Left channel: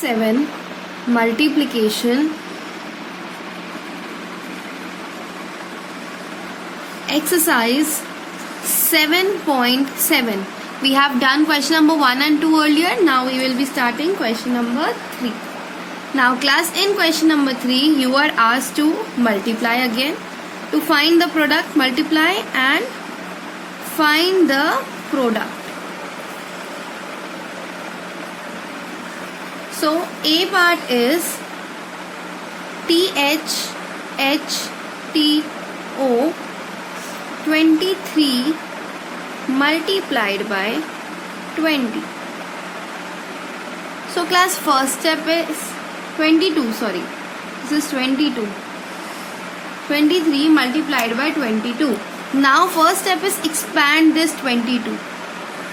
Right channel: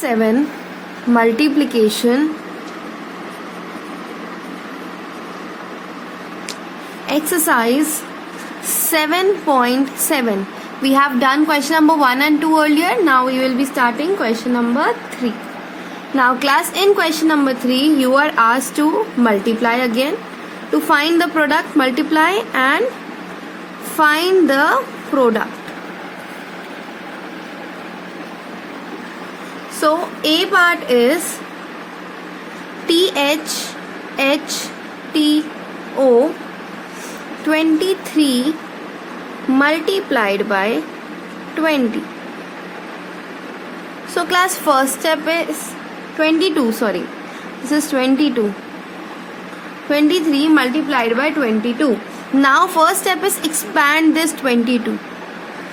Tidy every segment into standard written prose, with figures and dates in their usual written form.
7 multiplication exercise 7.7. We have done question number 1 and 2 earlier. Now we will be starting question number 3. Now class, in question number 3 you are asked to multiply again. To find the product, multiply and find the product. So A part is THHTO 23 multiplied by 20. So class, first step is 22, sorry, this is 22. 23 multiplied by 22. Now first step is expand this 22.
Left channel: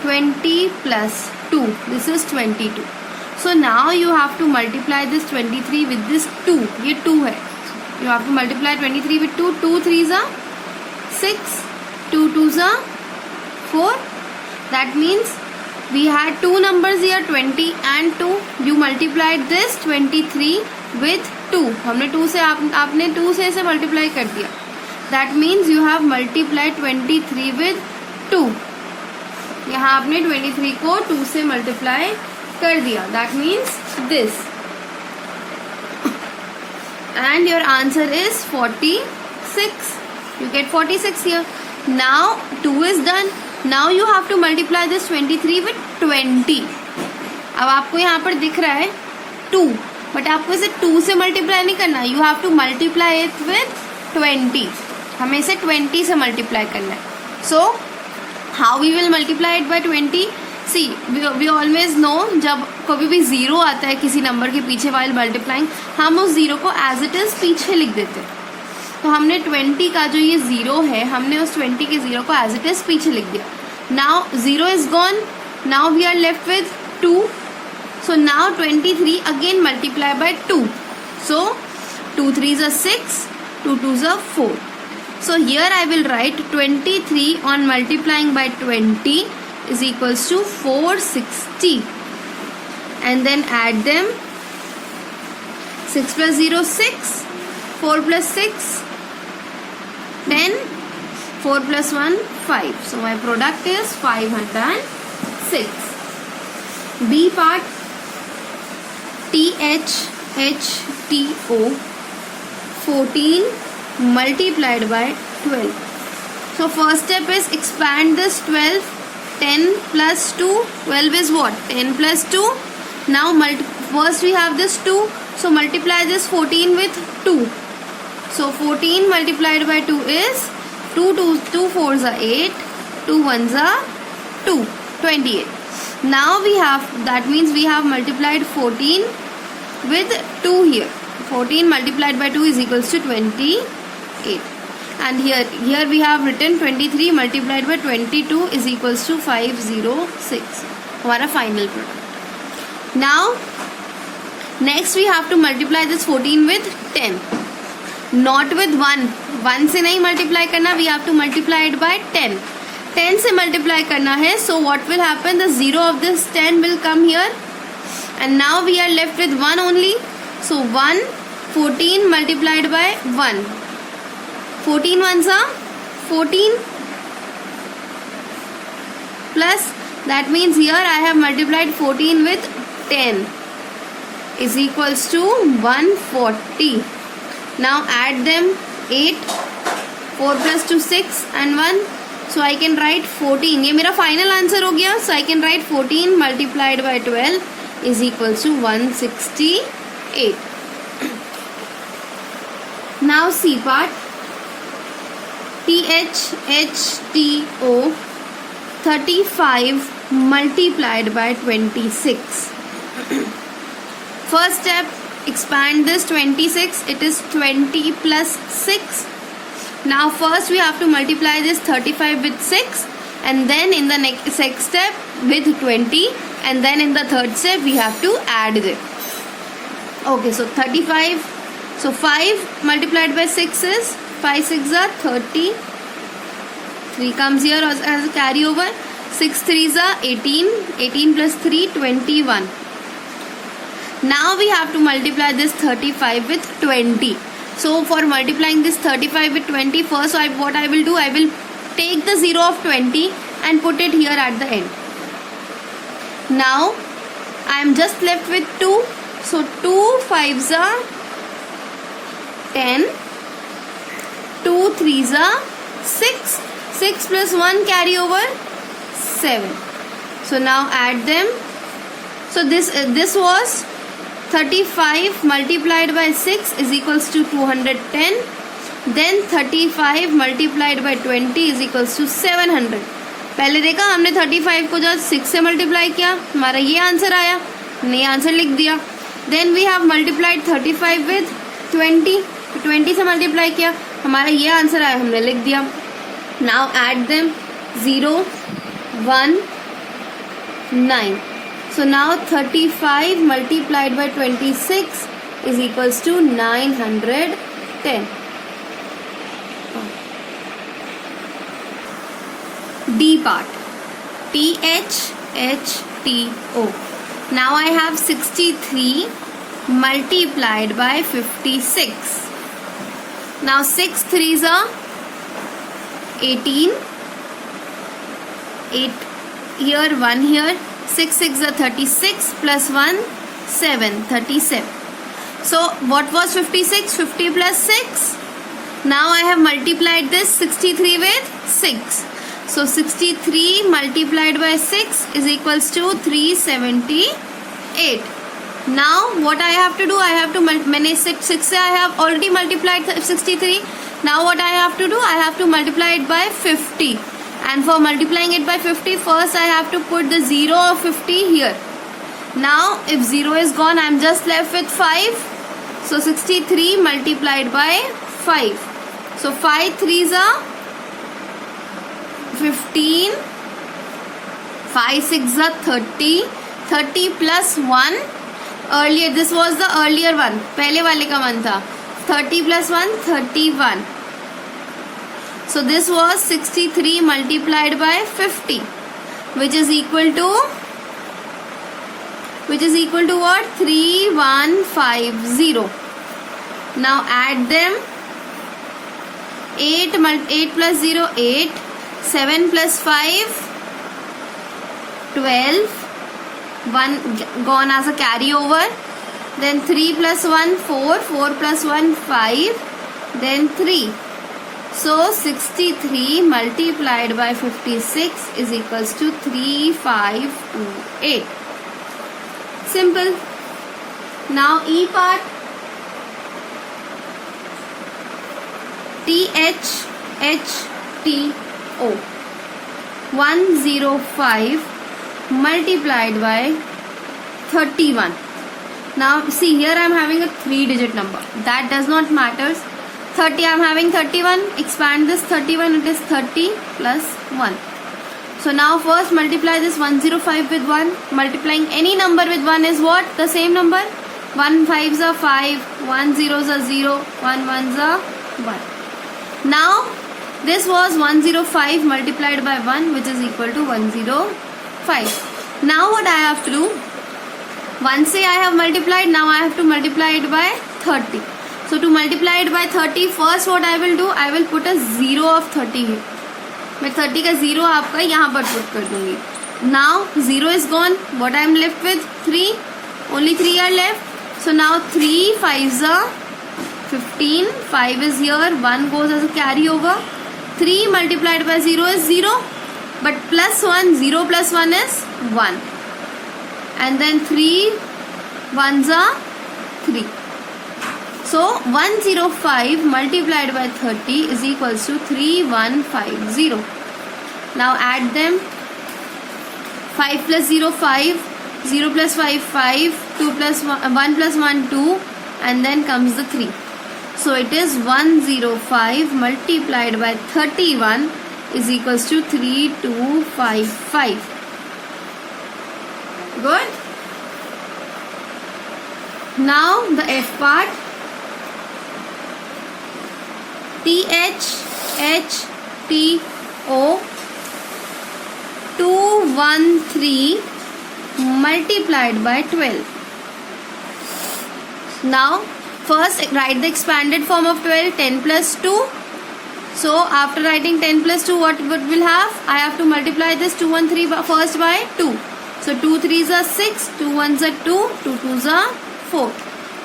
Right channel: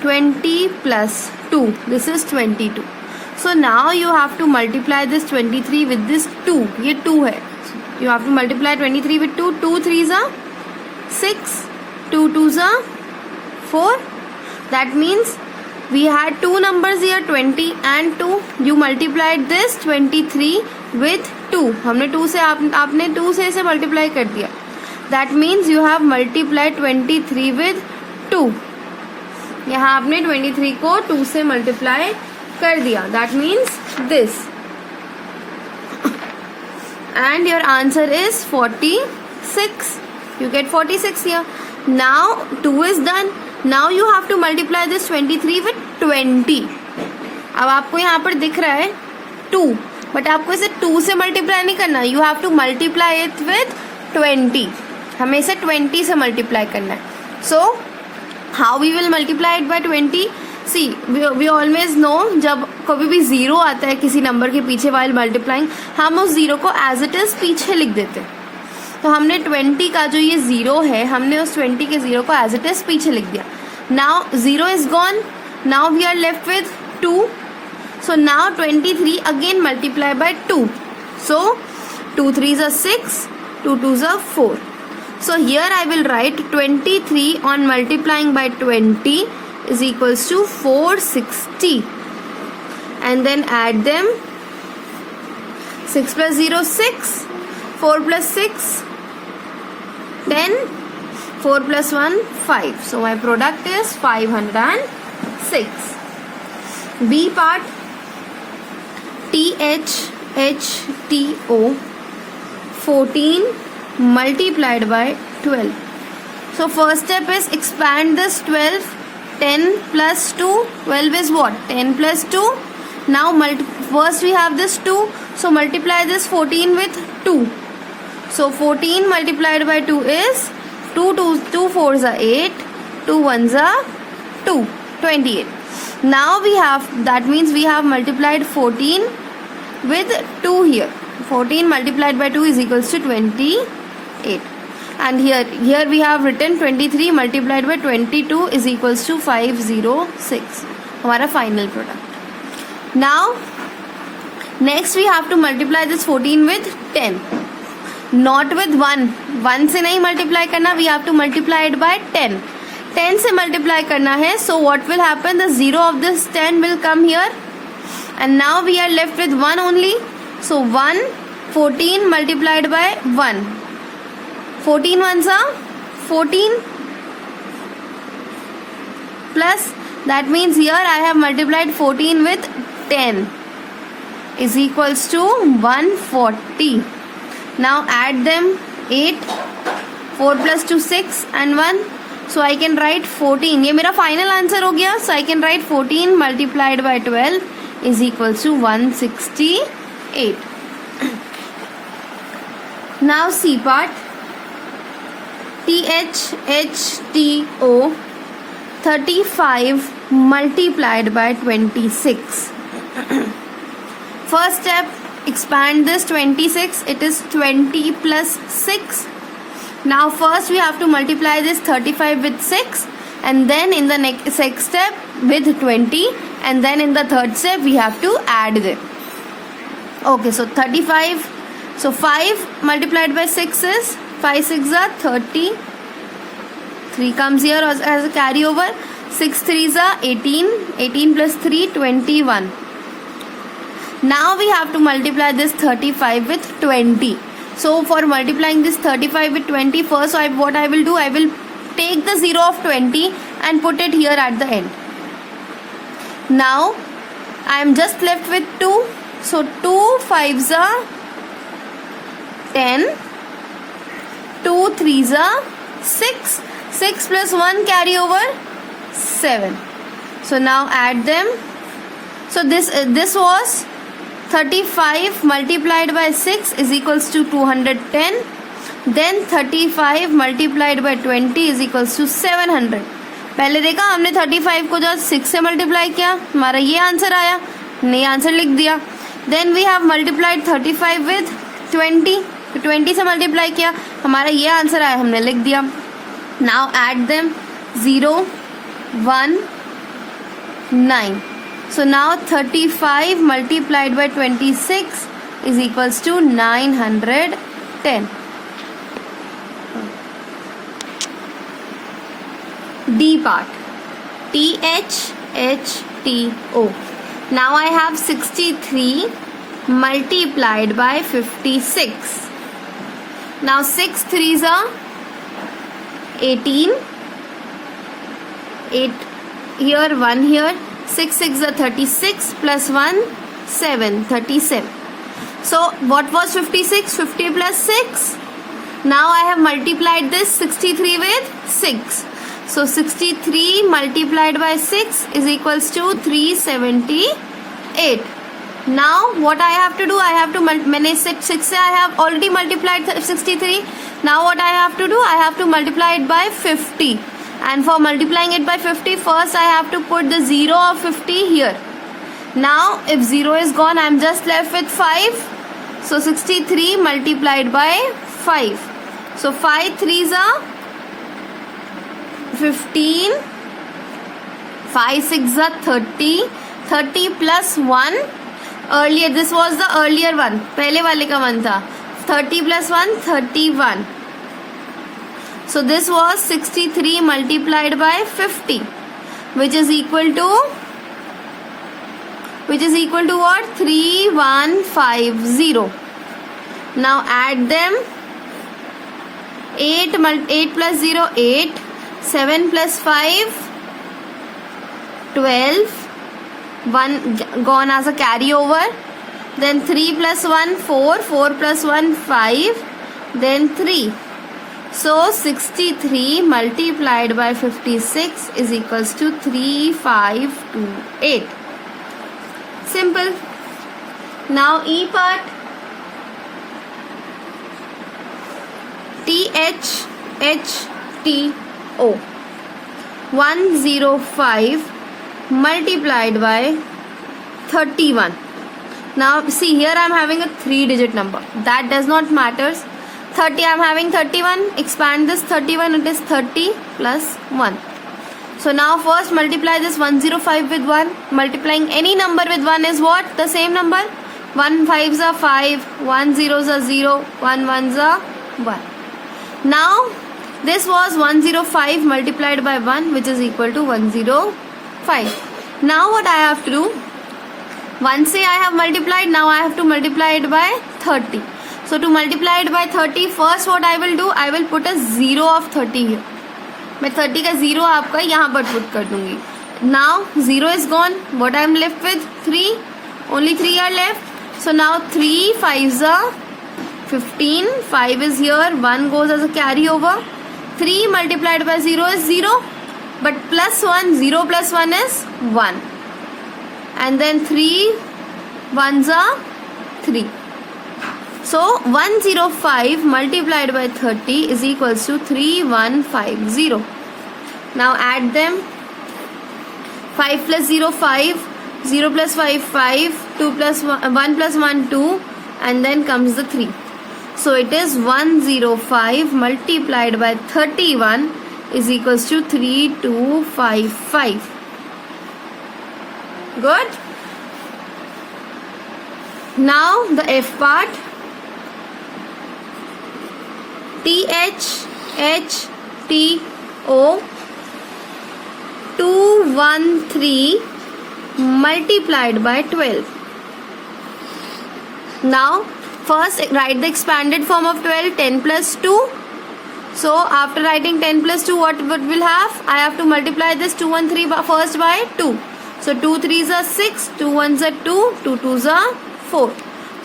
20 plus 2, this is 22. So now you have to multiply this 23 with this 2. ये 2 है. You have to multiply 23 with 2. 2 3s are 6. 2 2s are 4. That means we had two numbers here, 20 and 2. You multiplied this 23 with 2. हमने 2 से आपने 2 से इसे multiply कर दिया. That means you have multiplied 23 with 2. यहाँ आपने 23 को 2 से multiply कर दिया. That means this. And your answer is 46. You get 46 here. Now 2 is done. Now you have to multiply this 23 with 20. अब आपको यहाँ पर दिख रहा है 2, बट आपको इसे 2 से मल्टीप्लाई नहीं करना. You have to multiply it with 20. हमें इसे 20 से मल्टीप्लाई करना है. So how we will multiply it by 20? See, we always know, जब कभी भी जीरो आता है किसी नंबर के पीछे वाइल मल्टीप्लाइंग, हम उस जीरो को एज इट इज पीछे लिख देते हैं. तो हमने 20 का जो ये जीरो है, हमने उस 20 के जीरो को एज इट इज पीछे लिख दिया. Now zero is gone. Now we are left with 2. So now 23 again multiply by 2. So 2 3s are 6, 2 2s are 4. So here I will write 23 on multiplying by 20 is equals to 460. And then add them. 6 plus 0 6. 4 plus 6 10. 4 plus 1 5. So my product is 506. B part THHTO 14 multiplied by 12. So first step is expand this 12. 10 plus 2. 12 is what? 10 plus 2. Now first we have this 2. So multiply this 14 with 2. So 14 multiplied by 2 is 2 4s are 8. 2 1s are 2. 28. Now we have, that means we have multiplied 14 with 2 here. 14 multiplied by 2 is equals to 28. And here we have written 23 multiplied by 22 is equals to 506. हमारा final product. Now next we have to multiply this 14 with 10. Not with 1. 1 से नहीं multiply करना. We have to multiply it by 10. 10 से multiply करना है. So what will happen? The zero of this 10 will come here. And now we are left with 1 only. So 1, 14 multiplied by 1. 14 ones are 14 plus, that means here I have multiplied 14 with 10 is equals to 140. Now add them. 8, 4 plus 2 6 and 1. So I can write 14. ये मेरा final answer हो गया. So I can write 14 multiplied by 12 is equals to 168. Now C part THHTO 35 multiplied by 26. First step, expand this 26. It is 20 plus 6. Now first we have to multiply this 35 with 6, and then in the next step with 20, and then in the third step we have to add them. Okay, so 35. So 5 multiplied by 6 is 5 6 are 30. 3 comes here as a carryover. 6 3s are 18. 18 plus 3, 21. Now we have to multiply this 35 with 20. So for multiplying this 35 with 20, first what I will do, I will take the 0 of 20 and put it here at the end. Now I am just left with 2. So 2 5s are 10, 2 3s are 6, 6 plus 1 carry over 7. So now add them. So this was 35 multiplied by 6 is equals to 210. Then 35 multiplied by 20 is equals to 700. पहले देखा हमने 35 को जब 6 से multiply किया, हमारा ये answer आया, हमने आंसर लिख दिया. Then we have multiplied 35 with 20. तो 20 से मल्टीप्लाई किया, हमारा ये आंसर आया, हमने लिख दिया. Now add them. 0 1 9. So now 35 multiplied by 26 is equals to 910. D part. THHTO. Now I have 63 multiplied by 56. Now 6 3s are 18. 8 here, 1 here. 6 6 are 36 plus 1 7, 37. So what was 56? 50 plus 6. Now I have multiplied this 63 with 6. So 63 multiplied by 6 is equals to 378. Now what I have to do? I have to मैंने 6 से I have already multiplied 63. Now what I have to do? I have to multiply it by 50. And for multiplying it by 50, first I have to put the 0 of 50 here. Now if 0 is gone, I am just left with 5. So 63 multiplied by 5. So 5 3s are 15. 5 6 are 30. 30 plus 1. Earlier, this was the earlier one. पहले वाले का 1 था. 30 plus 1, 31. So this was 63 multiplied by 50, which is equal to what? 3150. Now add them. 8 plus 0 8. 7 plus 5 12. 1 gone as a carryover. Then 3 plus 1 4. 4 plus 1 5. Then 3. So 63 multiplied by 56 is equals to 3528. Simple. Now E part. THHTO. 105 multiplied by 31. Now see, here I am having a 3-digit number. That does not matter. 30, I am having 31. Expand this 31, it is 30 plus 1. So now first multiply this 105 with 1. Multiplying any number with 1 is what? The same number. 1 5s are 5, 1 0s are 0, 1 1s are 1. Now this was 105 multiplied by 1, which is equal to 105. Now what I have to do? Once I have multiplied, now I have to multiply it by 30. So to multiply it by 30, first what I will do? I will put a 0 of 30 here. मैं 30 का 0 आपका यहाँ पर put कर दूंगी. Now 0 is gone. What I am left with? 3. Only 3 are left. So now 3 5s are 15. 5 is here. 1 goes as a carryover. 3 multiplied by 0 is 0. But plus 1, 0 plus 1 is 1. And then 3 1s are 3. So 105 multiplied by 30 is equals to 3150. Now add them. 5 plus 0 5, 0 plus 5 5, 2 plus 1 plus 1 2, and then comes the 3. So it is 105 multiplied by 31 is equals to 3255. Good. Now the F part. THHTO 213 multiplied by 12. Now, first write the expanded form of 12, 10 plus 2. So, after writing 10 plus 2, what will have? I have to multiply this 2 and 3 first by 2. So, 2 3s are 6, 2 1s are 2, 2 2s are 4.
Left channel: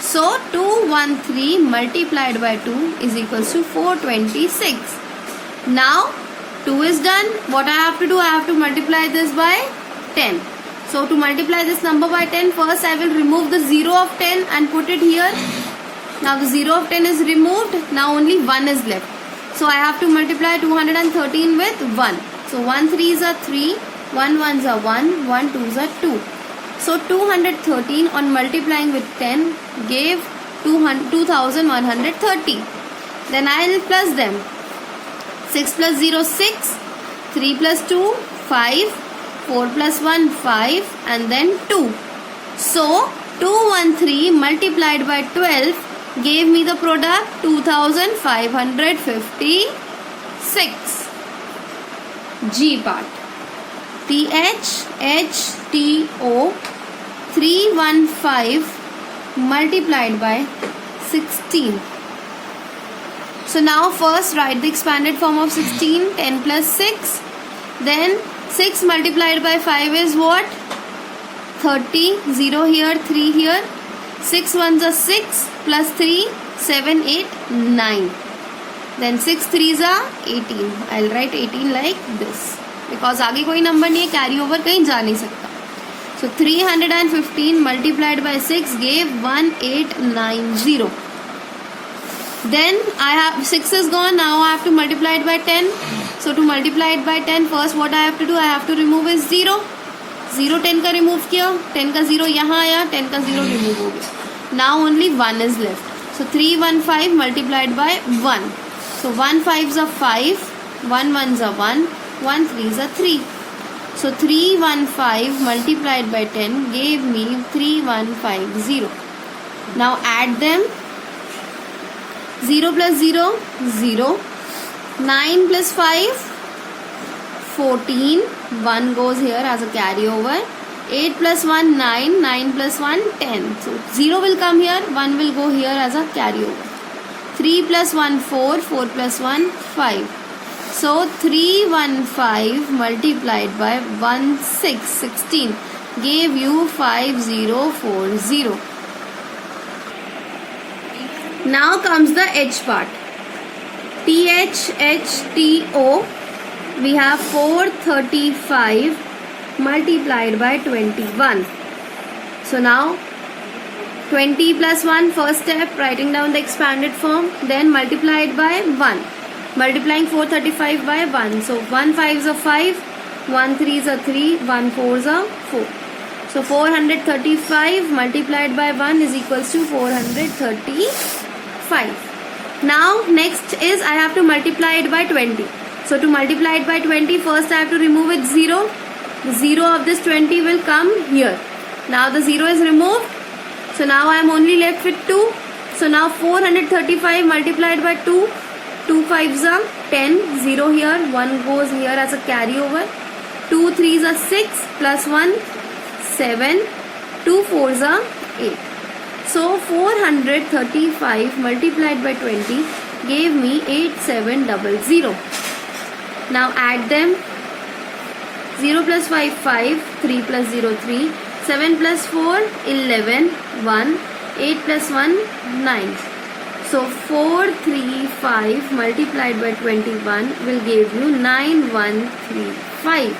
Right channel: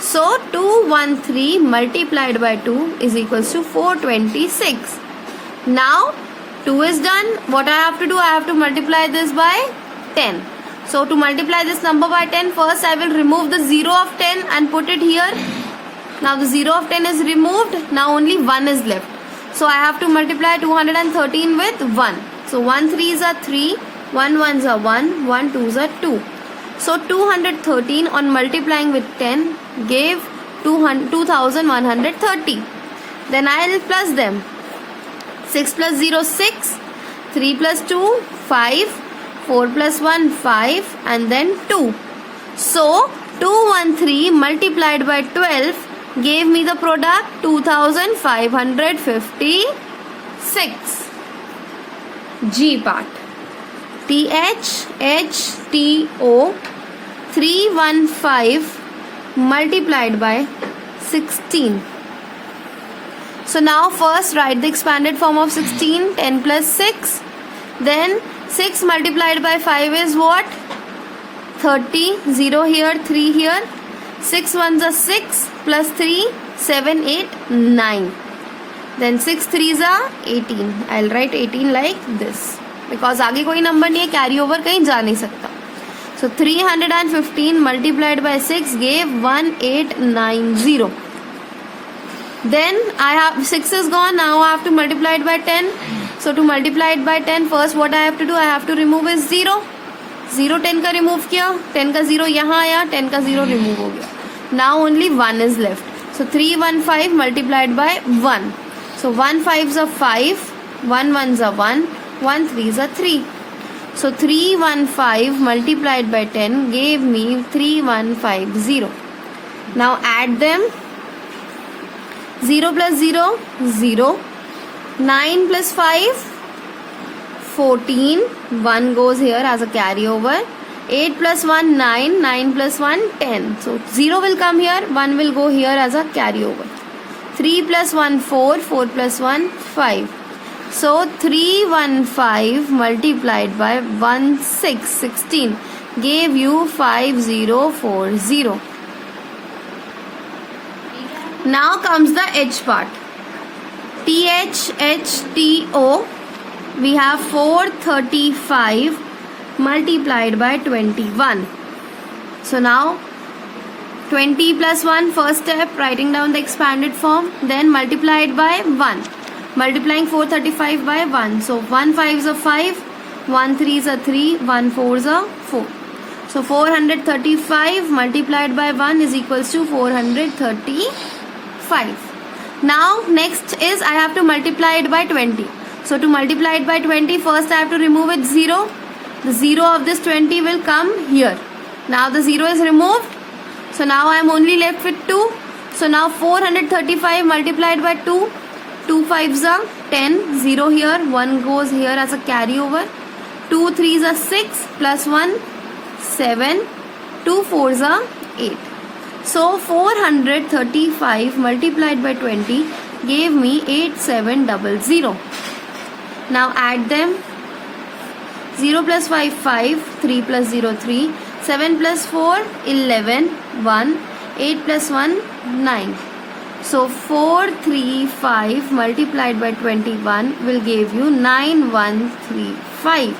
So, 213 multiplied by 2 is equals to 426. Now, 2 is done. What I have to do? I have to multiply this by 10. So, to multiply this number by 10, first I will remove the 0 of 10 and put it here. Now, the 0 of 10 is removed. Now, only 1 is left. So, I have to multiply 213 with 1. So, 1 3s are 3, 1 1s are 1, 1 2s are 2. So, 213 on multiplying with 10 gave 2130. Then I will plus them. 6 plus 0, 6. 3 plus 2, 5. 4 plus 1, 5. And then 2. So, 213 multiplied by 12 gave me the product 2556. G part. THHTO 315 multiplied by 16. So now first write the expanded form of 16, 10 plus 6. Then 6 multiplied by 5 is what? 30, 0 here, 3 here. 6 ones are 6 plus 3, 7, 8, 9. Then 6 3s are 18. I'll write 18 like this. Because आगे कोई number नहीं है, carry over कहीं जा नहीं सकता. So 315 multiplied by 6 gave 1890. Then I have 6 is gone. Now I have to multiply it by 10. So to multiply it by 10, first what I have to do? I have to remove is 0. 0 10 का remove किया. 10 का 0 यहाँ आया. 10 का 0 remove हो गया. Now only 1 is left. So 315 multiplied by 1. So 1 5s are 5. 1 1s are 1. 1 3s are 3. So 315 multiplied by 10 gave me 3150. Now add them. 0 plus 0, 0. 9 plus 5, 14. 1 goes here as a carryover. 8 plus 1, 9. 9 plus 1, 10. So 0 will come here. 1 will go here as a carryover. 3 plus 1, 4. 4 plus 1, 5. So 315 multiplied by 16 gave you 5040. Now comes the H part. THHTO. We have 435 multiplied by 21. So now 20 plus 1, first step, writing down the expanded form, then multiplied by 1. Multiplying 435 by 1. So 1 5s are 5, 1 3s are 3, 1 4s are 4. So 435 multiplied by 1 is equals to 435. Now next is I have to multiply it by 20. So to multiply it by 20, first I have to remove its 0. The 0 of this 20 will come here. Now the 0 is removed. So now I am only left with 2. So now 435 multiplied by 2. 2 5s are 10, 0 here, 1 goes here as a carryover. 2 3s are 6 plus 1, 7, 2 4s are 8. So 435 multiplied by 20 gave me 8700. Now add them. 0 plus 5, 5, 3 plus 0, 3, 7 plus 4, 11, 1, 8 plus 1, 9. So 435 multiplied by 21 will give you 9135.